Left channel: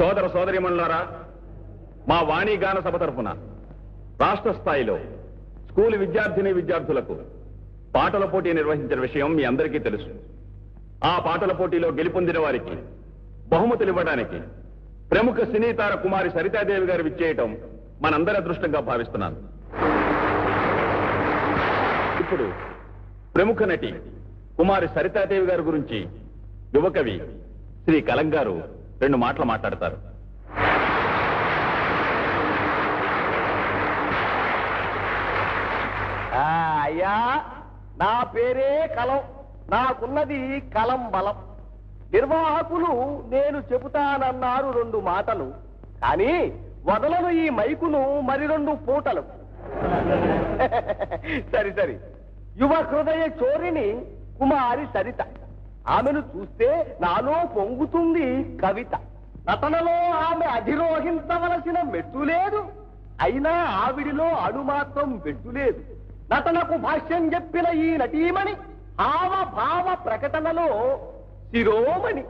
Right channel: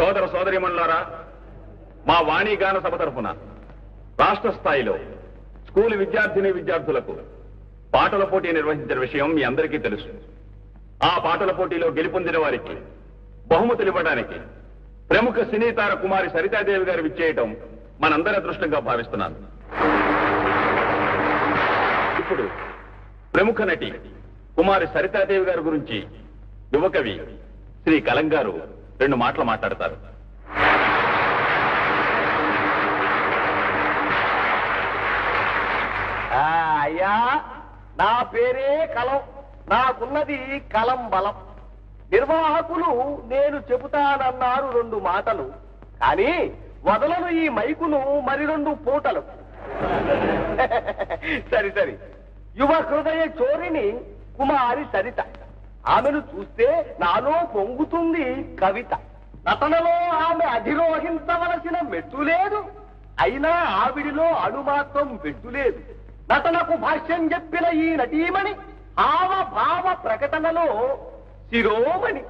సోదర సోదరీమణులారా, మా వాణి గాన సభ తరపున రాష్ట్ర స్థాయిలో స్కూల్ విద్యార్థిని విద్యార్థులకు పాటల పోటీ నిర్వహించిన విషయం మీ అందరికీ తెలుసు. ఆ పాటల పోటీలో గెలుపొందిన వారికి బహుమతులు ఇవ్వడానికి ప్రముఖ సినీతార కుమారి సరితాదేవి గారు విచ్చేయటం మనందరి అదృష్టంగా భావిస్తున్నాను. ఇప్పుడు ప్రముఖ నటి కుమారి సరితాదేవి గారి గురించి యువకవి శ్రీ కలక్ గారు 2 మాటలు మాట్లాడతారు. అయ్యా, నా పేరే కలం, నాకున్నది కలం బలం. నిర్వాహకులు నేను చెబుతానన్నారు 2 మాటలు, కానీ వదలను ఈ మైకును మరి 2 పూటలు. సరి సరి, యువ హృదయ చోరిని కుమారి సరిత. ఆమెను చూస్తే నాలో పొంగుతుంది కవిత. నటనలో ఆమె అధిరోహించవలసిన మెట్టు లేదు, అయినా ఆవిడిలో అడు మాత్రం వెట్టు లేదు. నటనకు భాష్యం చెప్పిన ఈ నటీమణి హావభావ ప్రకటనలో శిరోమణి.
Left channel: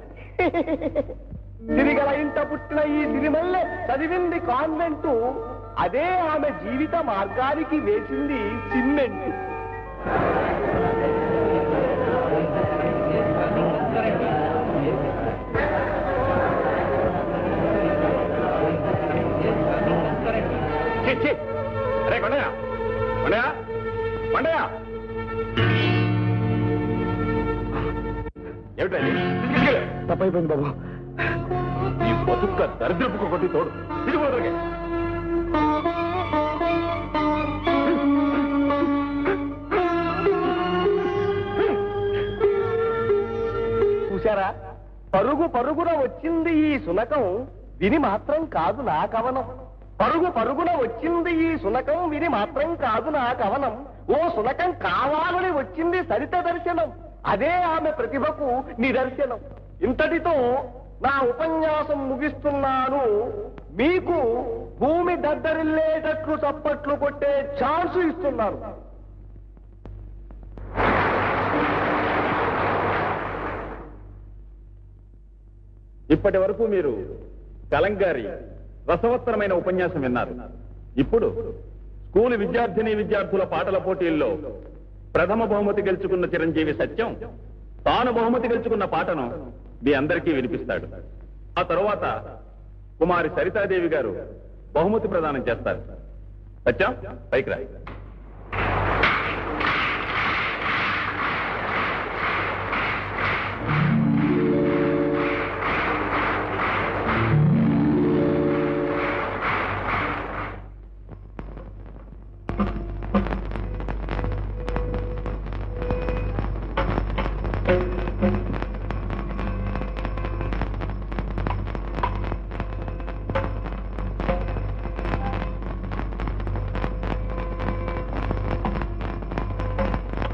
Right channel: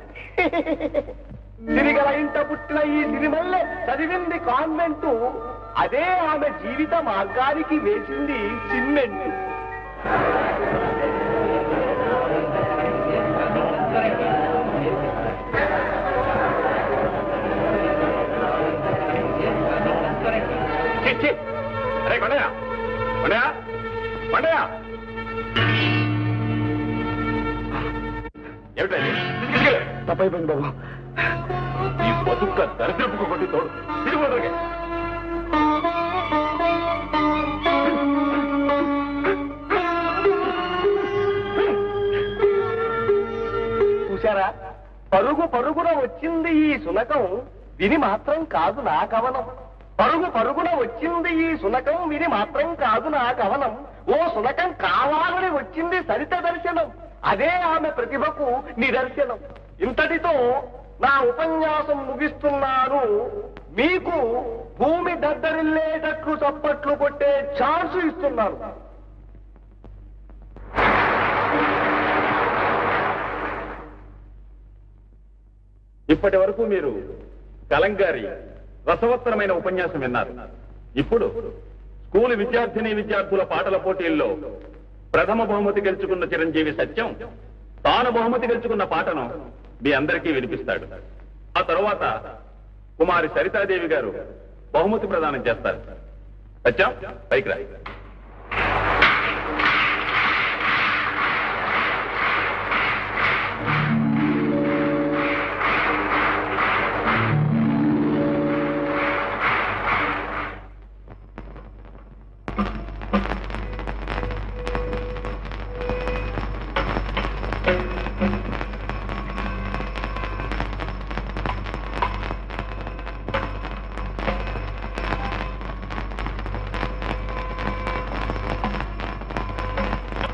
సిరిగల ఇంట పుట్టిన ఈ సిరిమల్లె చదివింది కాన్వెంటు, అదే ఆమె జీవిత మార్గానికి వేసింది సిమెంటు. అరే కొండయా, కొండయా, కొండయా, ఏమిటండి తప్పైపోయింది బాబు. ఈ బతుక్క దరిద్రపు కొద్ది తోడు తిరిగి చూశారా, పరుగు పరుగున వచ్చింది ఈ సునకం, విని మాత్రం కాదు నా కవనం. పరుగు పరుగున వచ్చింది ఈ సునకం, విని మాత్రం కాదు నా కవనం. ఓ సునకం కావాలని వచ్చింది సరిత దర్శనం, అదే ఆమె ప్రతిభకు నిదర్శనం. ఇంతటితో నా ఉపన్యాసం ముగిస్తున్నాను. మీకు భూమి దద్దరిల్లేటట్లు చప్పట్లు కొట్టే ఛాన్స్ ఇస్తున్నాను. ఇప్పటి వరకు మీరు కలంక్ గారి రసవత్తరమైన ఉపన్యాసం విన్నారు. ఇప్పుడు స్కూల్ విద్యార్థిని విద్యార్థుల పాటల పోటీల్లో ప్రథమ బహుమతి గెలుచుకున్న చిరంజీవి సత్యం తాను బహుమతి గెలుచుకున్న పాటను మీ అందరికీ వినిపిస్తాడు. ఆ తరువాత కుమారి సరితాదేవి గారు బహుమతి ప్రదానం చేస్తారు. సత్యం, పైకి రా.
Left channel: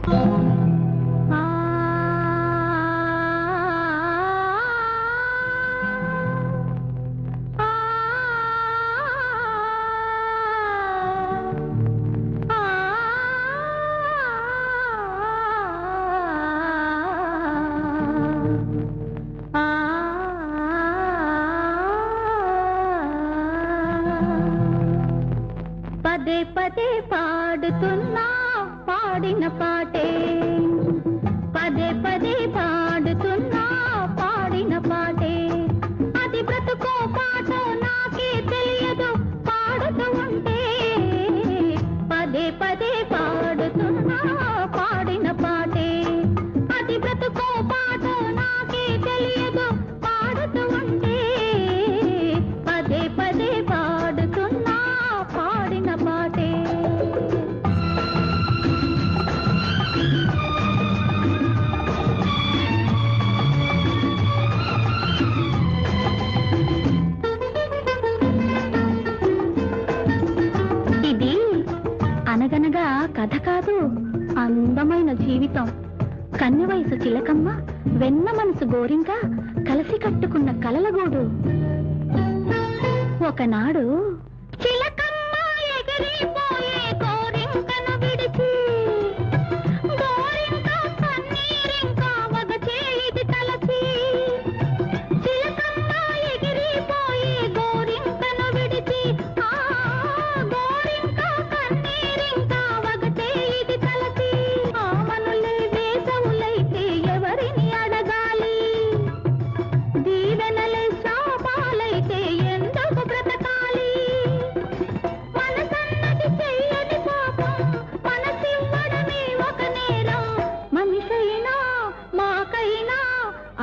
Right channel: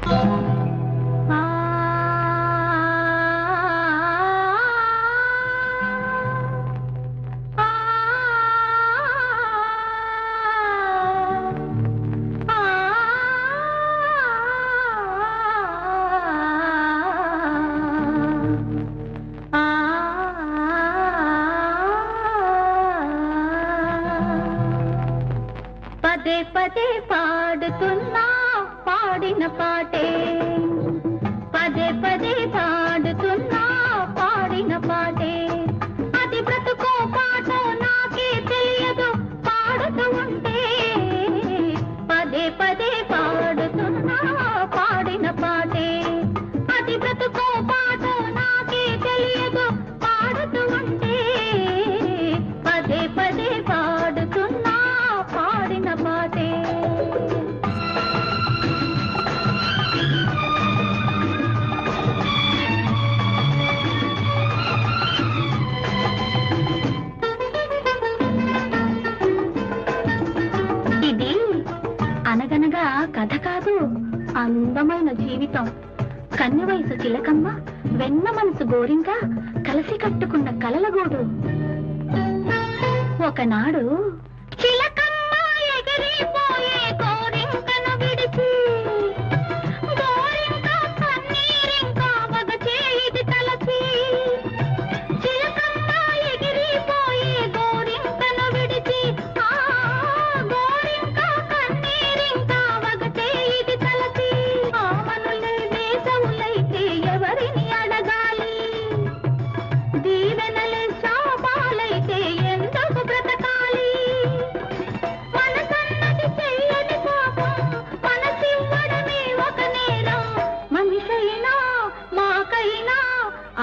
పదే పదే పాడుతున్నా పాడిన పాటే పదే పదే పాడుతున్నా పాడిన పాటే అది బ్రతుకో పాటో నాకే తెలియదు పాడుతూ ఉంటే పదే పదే పాడుతున్నా పాడిన పాటే అది బ్రతుకో పాటో నాకే తెలియదు పాడుతూ ఉంటే పదే పదే పాడుతున్నా పాడిన పాటే ఇది అనగనగా కథ కాదు, అందమైన జీవితం. కన్య వయసు చిలకమ్మ, వెన్న మనసు గోరింక, కలిసి కట్టుకున్న కలలగూడు. ఒకనాడు చిలకమ్మ ఎగిరిపోయే గోరింకను విడిచి, గోరింక కన్నీరింక వగచేది తలచి. చిలకమ్మ ఎగిరిపోయే గోరింకను విడిచి, ఆ గోరింక కన్నీరింక వగచేది తలచి. ఆమనులే దేశములైతే ఎవరిని అడగాలి, దీవెనలే శాపాలైతే ఎందుకు బ్రతకాలి. మనసన్నది చెయ్యని పాపం, మనసివ్వడమే ఒక నేరం. మనిషైనా మాకైనా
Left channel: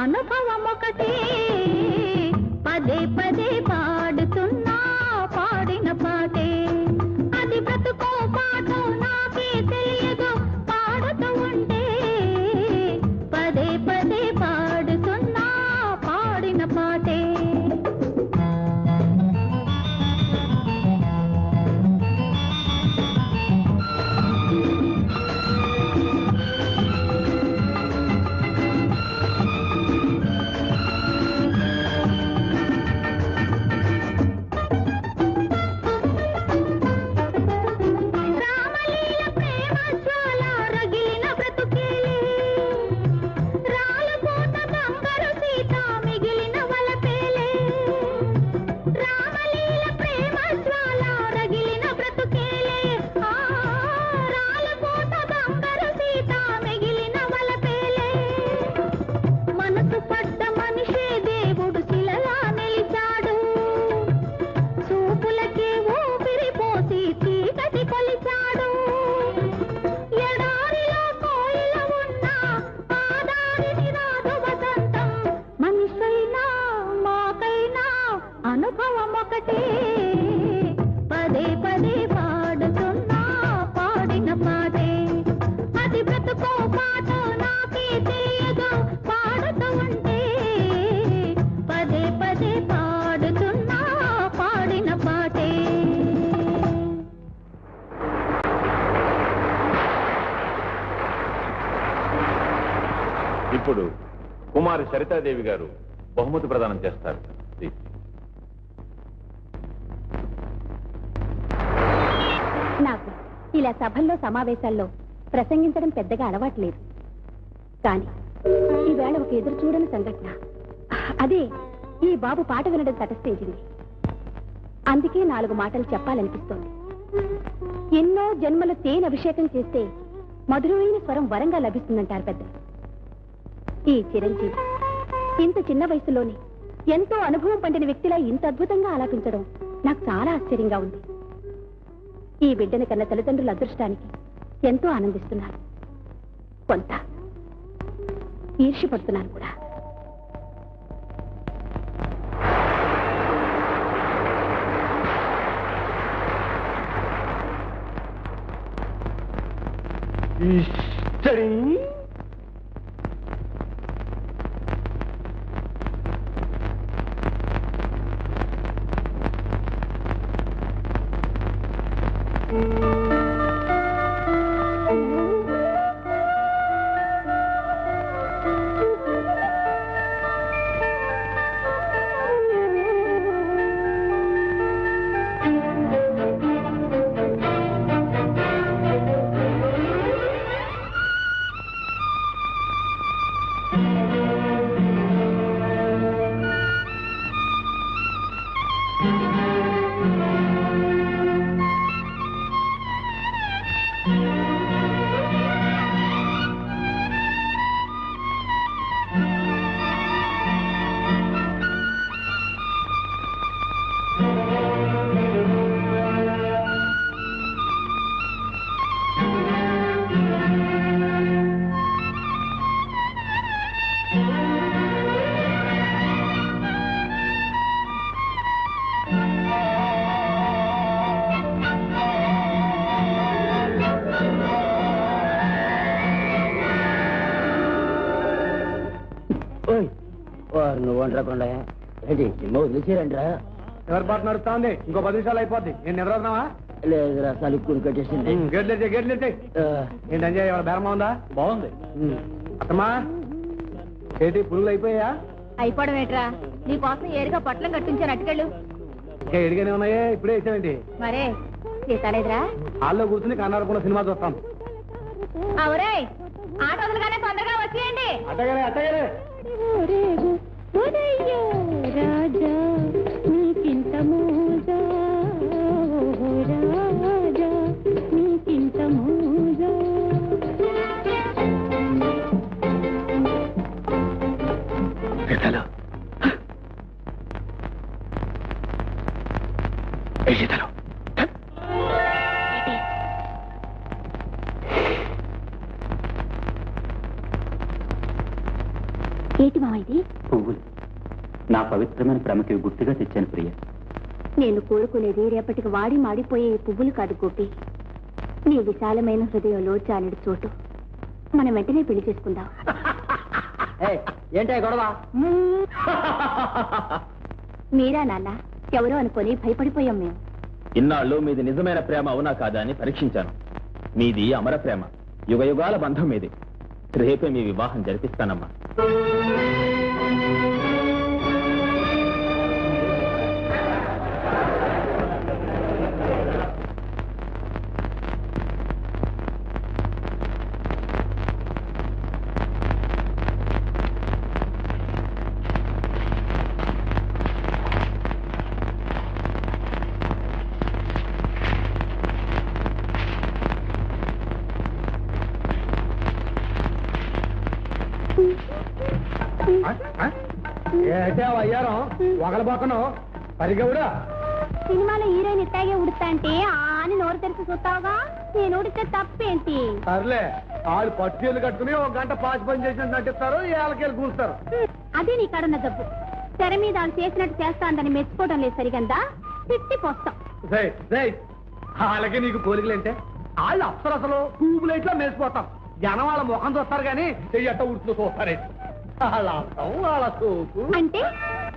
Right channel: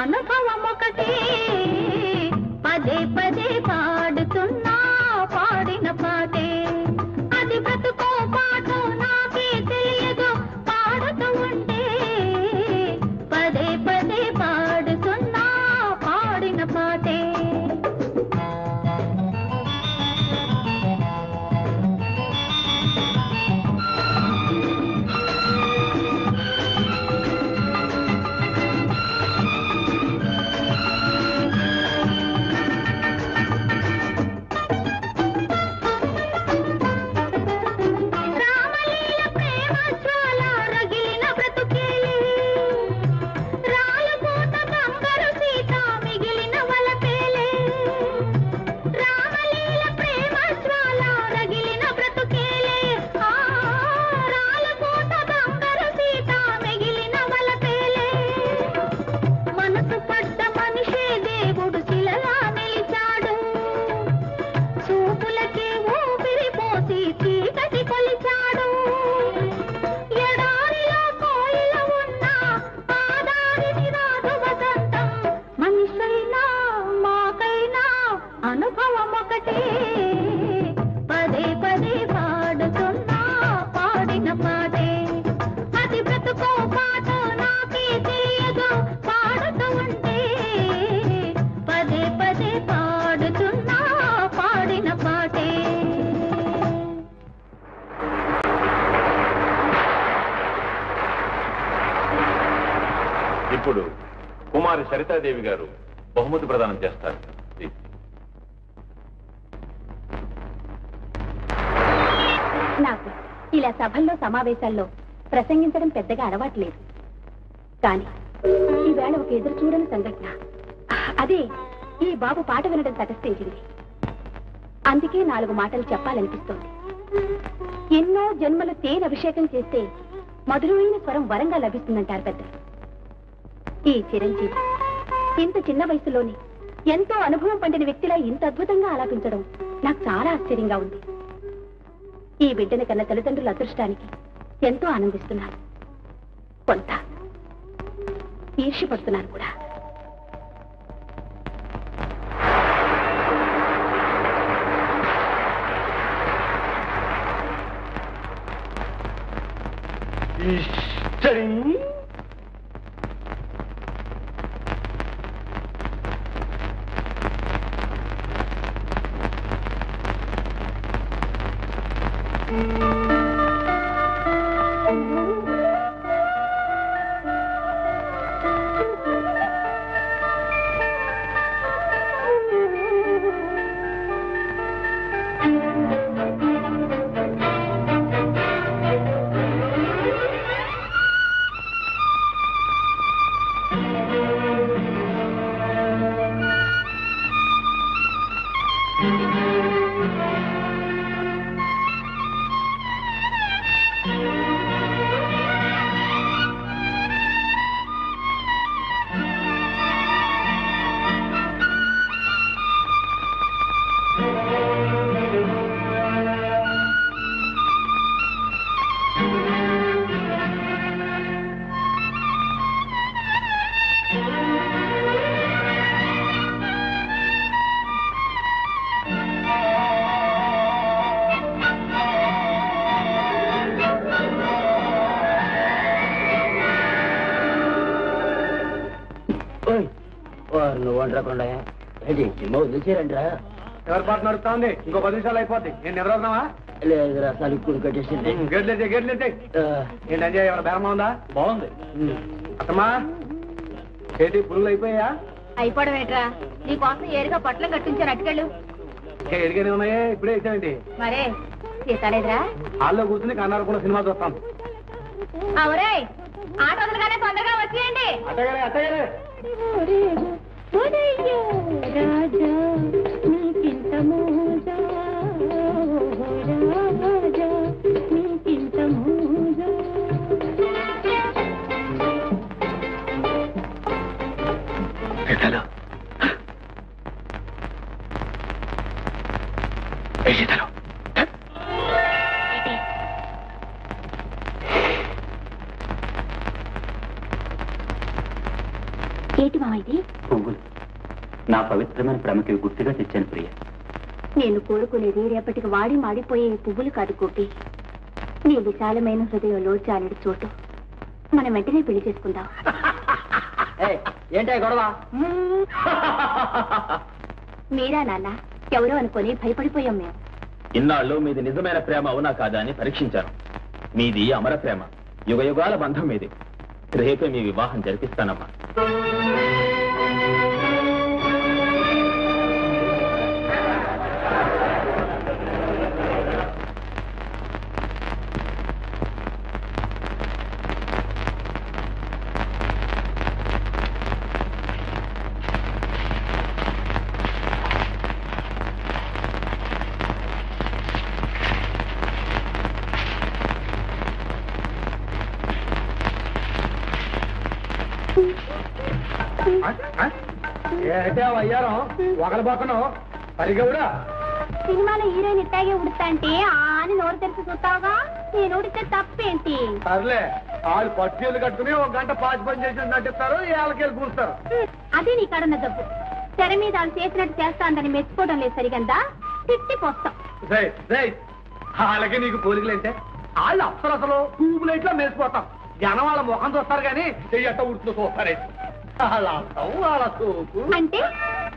అనుభవం ఒకటే. పదే పదే పాడుతున్నా పాడిన పాటే అది బ్రతుకో పాటో నాకే తెలియదు పాడుతూ ఉంటే పదే పదే పాడుతున్నా పాడిన పాటే. రామలీల ప్రేమ జ్వాల రగిలిన బ్రతుకే, రాలపోత బంగారు సీత మిగిలిన వలపేలే. రామలీల ప్రేమ జ్వాల రగిలిన బ్రతుకేలే, ఆ రాలపోత బంగారు సీత మిగిలిన వలపేలే. మనసు పడ్డ మనిషే దేవుడు శిలలా నిలిచాడు, చూపులకే ఊపిరి పోసి చీకటి కొలిచాడు. ఎడారిలో కోయిల ఉన్నా ఆదారిని రాదు వసంతం. మనిషైనా మాకైనా అనుభవం ఒకటే. పదే పదే పాడుతున్నా పాడిన పాటే అది బ్రతుకో పాటో నాకే తెలియదు పాడుతూ ఉంటే పదే పదే పాడుతున్నా పాడిన పాటే. ఇప్పుడు కుమారి సరితాదేవి గారు బహుమతి ప్రదానం చేస్తారు. ప్లీజ్. నాకు ఇలా సభల్లో సమావేశాల్లో ప్రసంగించడం పెద్దగా అలవాట్లేదు, కానీ ఈవేళ ఒక ఎదురు చూడని సంఘటన. అదే ఈ బాబు పాట వినడం తటస్థించింది. అందుకే 4 మాటలు చెప్పాలనిపిస్తోంది. ఎన్నో జన్మల తేనె అభిషేకం చేస్తే మధురమైన స్వరం వరంగా లభిస్తుందంటారు పెద్దలు. ఈ చిరంజీవి ఇంత చిన్న వయసులోనే ఎంతో అనుభవం పండిన వ్యక్తిలా ఇంత అద్భుతంగా ఆలాపించడం నాకు చాలా ఆశ్చర్యంగా ఉంది. ఈ బిడ్డని కన్న తల్లిదండ్రుల అదృష్టానికి ఎంతో ఆనందిస్తున్నారు, కొంత ఈర్ష్యపడుతున్నారు కూడా. నువ్వు వంటకుండా ఏంటి సినిమా వదిలేసారంటరా? ఎవరి పాటు నడుస్తా ఉంది? ఇంకో 10 నిమిషాలు అయిపోద్ది. నేను నిద్రన్నావా? లేదు రసాలు ఇప్పుడు కట్టేసింది. గేట్లెత్తే గేట్లెత్తే. ఏంటి అంజయ్, ఎవరు బేరమా ఉందా? బాగుంది. అత్తమ్మా ఏంటి పురుగులు అయిపోయా? అయిపోవడం ఏట్రా, నీ కోసం ఏడుగా పొట్లం కట్టించాను, అటుకెళ్ళు. ఇంకా ఎడిగానే ఉన్నాయే, ఇప్పుడే వేసానండి. మరే తీసారేదిరా? హాల్లో కూర్చుని కన్నారు కూడా సినిమా చూస్తాం. అవురే, ఆట వదలగానే తొందరగా వచ్చేయండి. అట్టగానే అట్టగానే. ఏంటి మా ఇది? పువ్వులు నా పవిత్రమైన ప్రేమకి గుర్తుగా తెచ్చాను ప్రియ. నేను కోరుకునేది రేపటికి వాడి మాడిపోయే పువ్వులు కాదు గోపి. నీ విశాలమైన హృదయంలో చాలెడు చోటు. మనం వెంటనే పెళ్లి చేసుకుందాం. ఏంటే గొడవ? మీరా నాన్న? ఎవరో అనుకొని భయపడిపోయాం మేము. ఇన్నాళ్ళు మీది నిజమైన ప్రేమ అవునా కాదా అని పరీక్షించాను. మీది అమర ప్రేమ, యుగ యుగాల బంధం మీది. రేపే మీ వివాహం జరిపిస్తానమ్మా. ఏంటే అయ్యారం ఒకళ్ళ సరిగ్గా కూడా సినిమాలో హీరోయిన్ ఇట్టాగే ఉడుతా అంటే అని నోరు తెరిచి చూస్తావుగా. నేను ఉడితే తప్పేంటి? సర్లే, వాళ్ళు పట్టుచీలు కట్టుకుని 1 గంట పాచి పని చేసినట్టు నటిస్తారు, ఏళ్ళకెళ్ళి కూర్చున్నారు. అదే నీ కాడున్న తప్పు. తెర మీద వాళ్ళు చేసినట్టు చేస్తాందని మెచ్చుకోవడం లేదు సరిగందా, తిట్టిపోస్తాం. వాళ్ళకి నీకు పోలికలేంటే వాళ్ళు అసలు ట్యూబ్ లైట్ లో మెరిసిపోతాం. జనం వాళ్ళ ముఖం చూస్తారు కానీ చెయ్యట్ట ఉడుతూ చూస్తారే. వాళ్ళ అర్థం వాళ్ళ చూపు. అంటే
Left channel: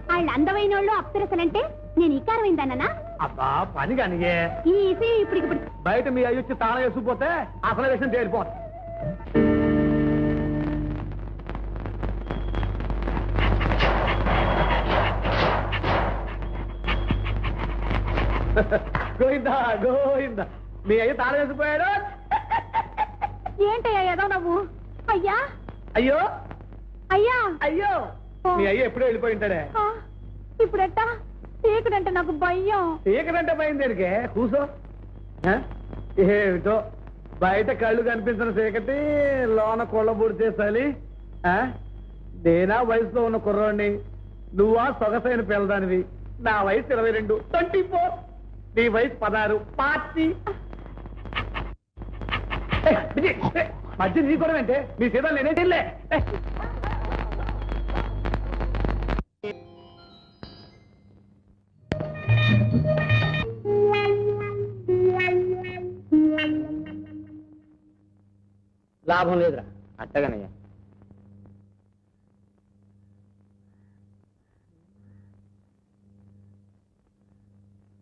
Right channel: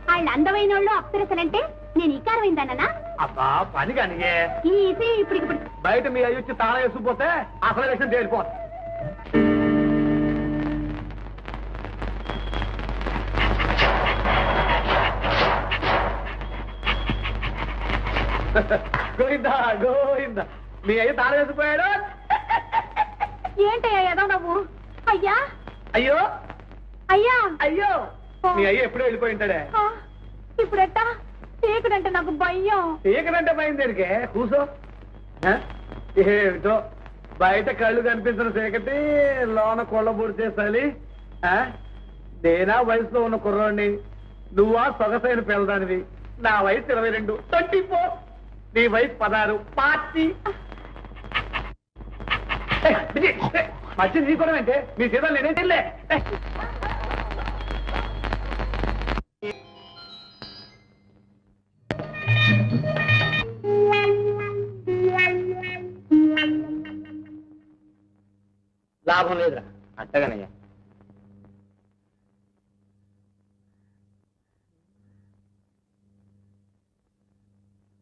వాళ్ళు అందమైన వాళ్ళు అప్సరసలంటే నేను ఈకారమైందన్నా? అబ్బా పని కానీ ఈ ఇసి ఇప్పుడు బయట మీ అయ్యొచ్చి తాళం వేసుకుపోతే అసలు విషయం తేలిపోతుంది. గోయిందా గోయిందా, మీ అయ్యి తాళం వేసుకుపోయారు. ఏంటయ్యా ఏదో నువ్వు? అయ్యా అయ్యో అయ్యా అయ్యో, మీ అయ్యి ఎప్పుడూ వెళ్ళిపోయింటారే. ఇప్పుడెట్టా? చీకటంటే నాకు భయం. చీకటంటే పోయింది దేనికే? కూర్చో. ఏమిటో బయట కళ్ళు కనిపిస్తున్న చీకటి, లోన కొళ్ళ పొడి చేసాలి. నేనా వయసులో ఉన్న కుర్రోడిని, నువ్వా సొగసైన పిల్లదానివి. నా వయసు 22, 24. నీ వయసు 16, 40. మధ్య నీ కూడా అంటే మీ సీతలు నేనేటిల్లే. లాభం లేదురా. అట్టగానయ్యా.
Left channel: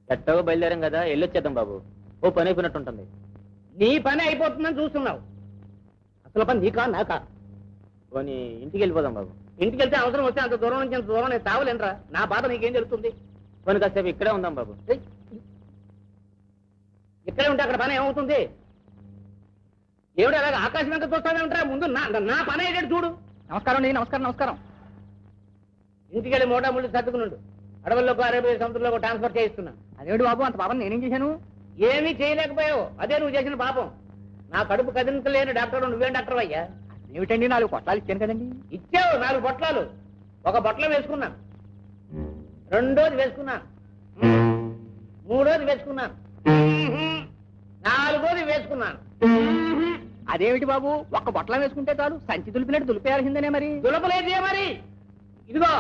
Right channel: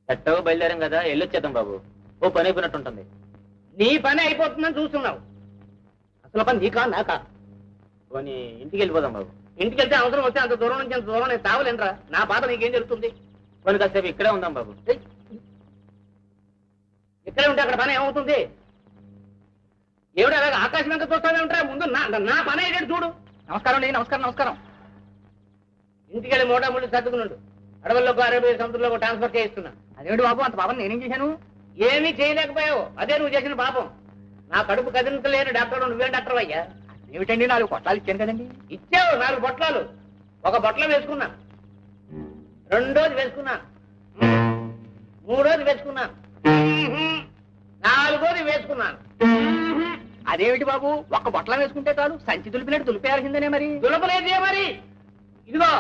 ఎట్టగా బయలుదేరాం కదా, వెళ్ళొచ్చేద్దాం బాబు. ఓ పని అయిపోయినట్టుంటుంది. నీ పని అయిపోతుందని చూస్తున్నావు. అసలు పని నీకా నాకా? పోనీ ఇంటికి వెళ్ళిపోదాం బాబు. ఇంటికి వెళ్తే అవసరం వస్తే అంత దూరం నుంచి అంత దూరం నేను తావలేనరా. నా బాధ నీకేం జరుగుతుంది? పోనీ కాసేపు ఇక్కడే ఉందాం బాబు. ఇక్కడే ఉంటే అక్కడ పని ఏమవుతుంది? ఏమిటి అలాగే ఆకాశం వెంట చూస్తానంటారా? ముందు నా పని అయ్యేటట్టు చూడు. నమస్కారం అండి. నమస్కారం నమస్కారం. ఇంటికి వెళ్ళి మోటా ముళ్ళు సర్దుకున్నాడు. అడవుల్లోకి అరేబియా సముద్రంలో ట్రాన్స్ఫర్ చేయిస్తున్నా. అదేమిటి బాబు, అంత పాపం నేనేం చేశాను? ఏమీ చేయలేకపోయావు, అదే నువ్వు చేసిన పాపం. నా కడుపు కదిలించలేని డాక్టర్ నువ్వేం డాక్టర్ అయ్యా? ఏమిటండి, 4 పొట్లాలు ఇచ్చాను కదండి. ఇచ్చావు 4 పొట్లాలు. ఒక పొట్లం వేసుకున్నా, 2ోది వేసుకున్నా, 3ోది వేసుకున్నా, 4ోది వేసుకున్నాను. అదేమిటి బాబు, ఒక్క పొట్లం వేసుకుంటే కాదు, సంచి దులిపినట్టు దులిపేయాల్సిందనే. మరి దులపలేదే మరి. ఇదిగో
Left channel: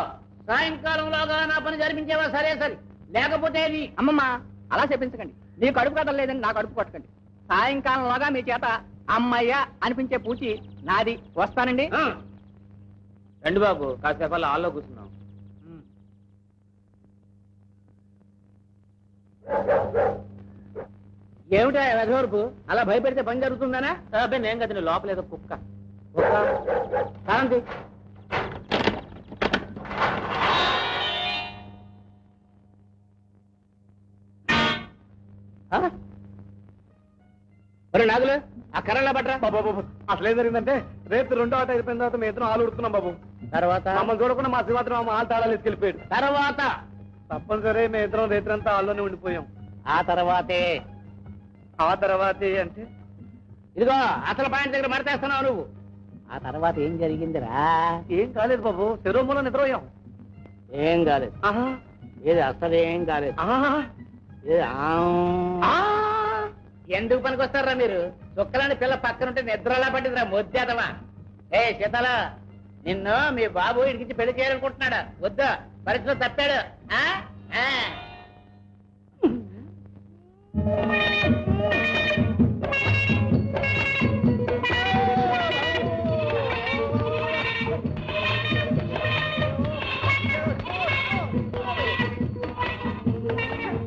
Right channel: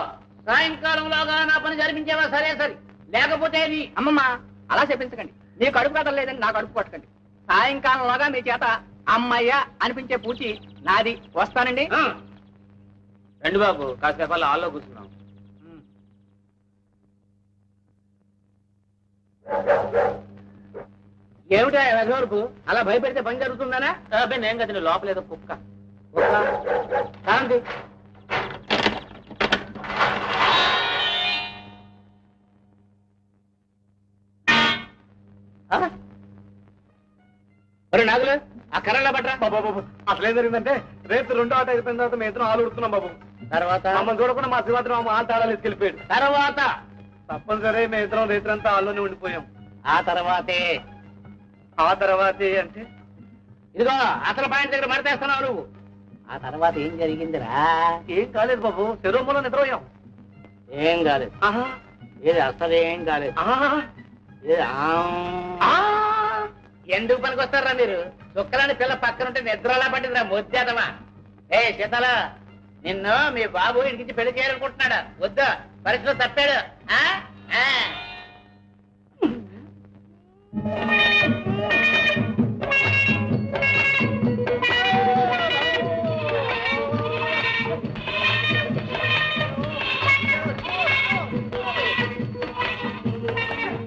సాయంకాలంలోగా నా పని జరిపించేవా? సరే సరే, లేకపోతే అది. అమ్మమ్మ అలా చెప్పించకండి. నీ కడుపు కట్టం లేదని నా కడుపు పట్టకండి. సాయంకాలంలోగా మీ చేత అమ్మయ్య అనిపించే పూచి నాది. వస్తానండి. రండి బాబు, కాసేపు హాల్లో కూర్చున్నాం. ఏమిటా రఘువరపు అలా భయపెడితే పని జరుగుతుందనా? అబ్బాయి నేను కదా లోపల ఏదో కుక్క. కారంతి నాగులు ఆ కర్రలా పట్టరా బాబు. అసలు ఏం జరిగిందంటే రేపు 2వ ఆట అయిపోయిన తర్వాత మేము ఇద్దరం ఆలు ఉడుతున్నాం బాబు. తర్వాత మమ్మల్ని చూడకుండా మా శ్రీమాత్రం మా ఆలు తాళాలు ఎత్తుకెళ్ళిపోయాడు. తర్వాత తప్పనిసరి మేము ఇద్దరం రేత్రంతా ఆల్లోనే ఉండిపోయాం. ఆ తర్వాతే ఆ తర్వాత అంటే ఇదిగో అసలు పాయింట్ దగ్గర మడతేస్తున్నావు నువ్వు. ఆ తర్వాత ఏం జరిగిందిరా? ఏం కాలేదు బాబు, శరీరంలో నిద్రపోయాం. ఏం కాలేదు. ఆహా, ఏది అసలు ఏం కాలేదు. ఆహా, ఏది ఆ. ఎందుకు పనికొస్తారా మీరు? చుక్కలని పిల్ల పక్కనుంటే నిద్రలా పట్టిందిరా మొద్దేదవా. ఏ శీతల, నిన్ను మీ బాబు ఇడికించి పెళ్లి చేయాలనుకుంటున్నాడా? వద్దా? పరిస్థితిలో తప్పాడు.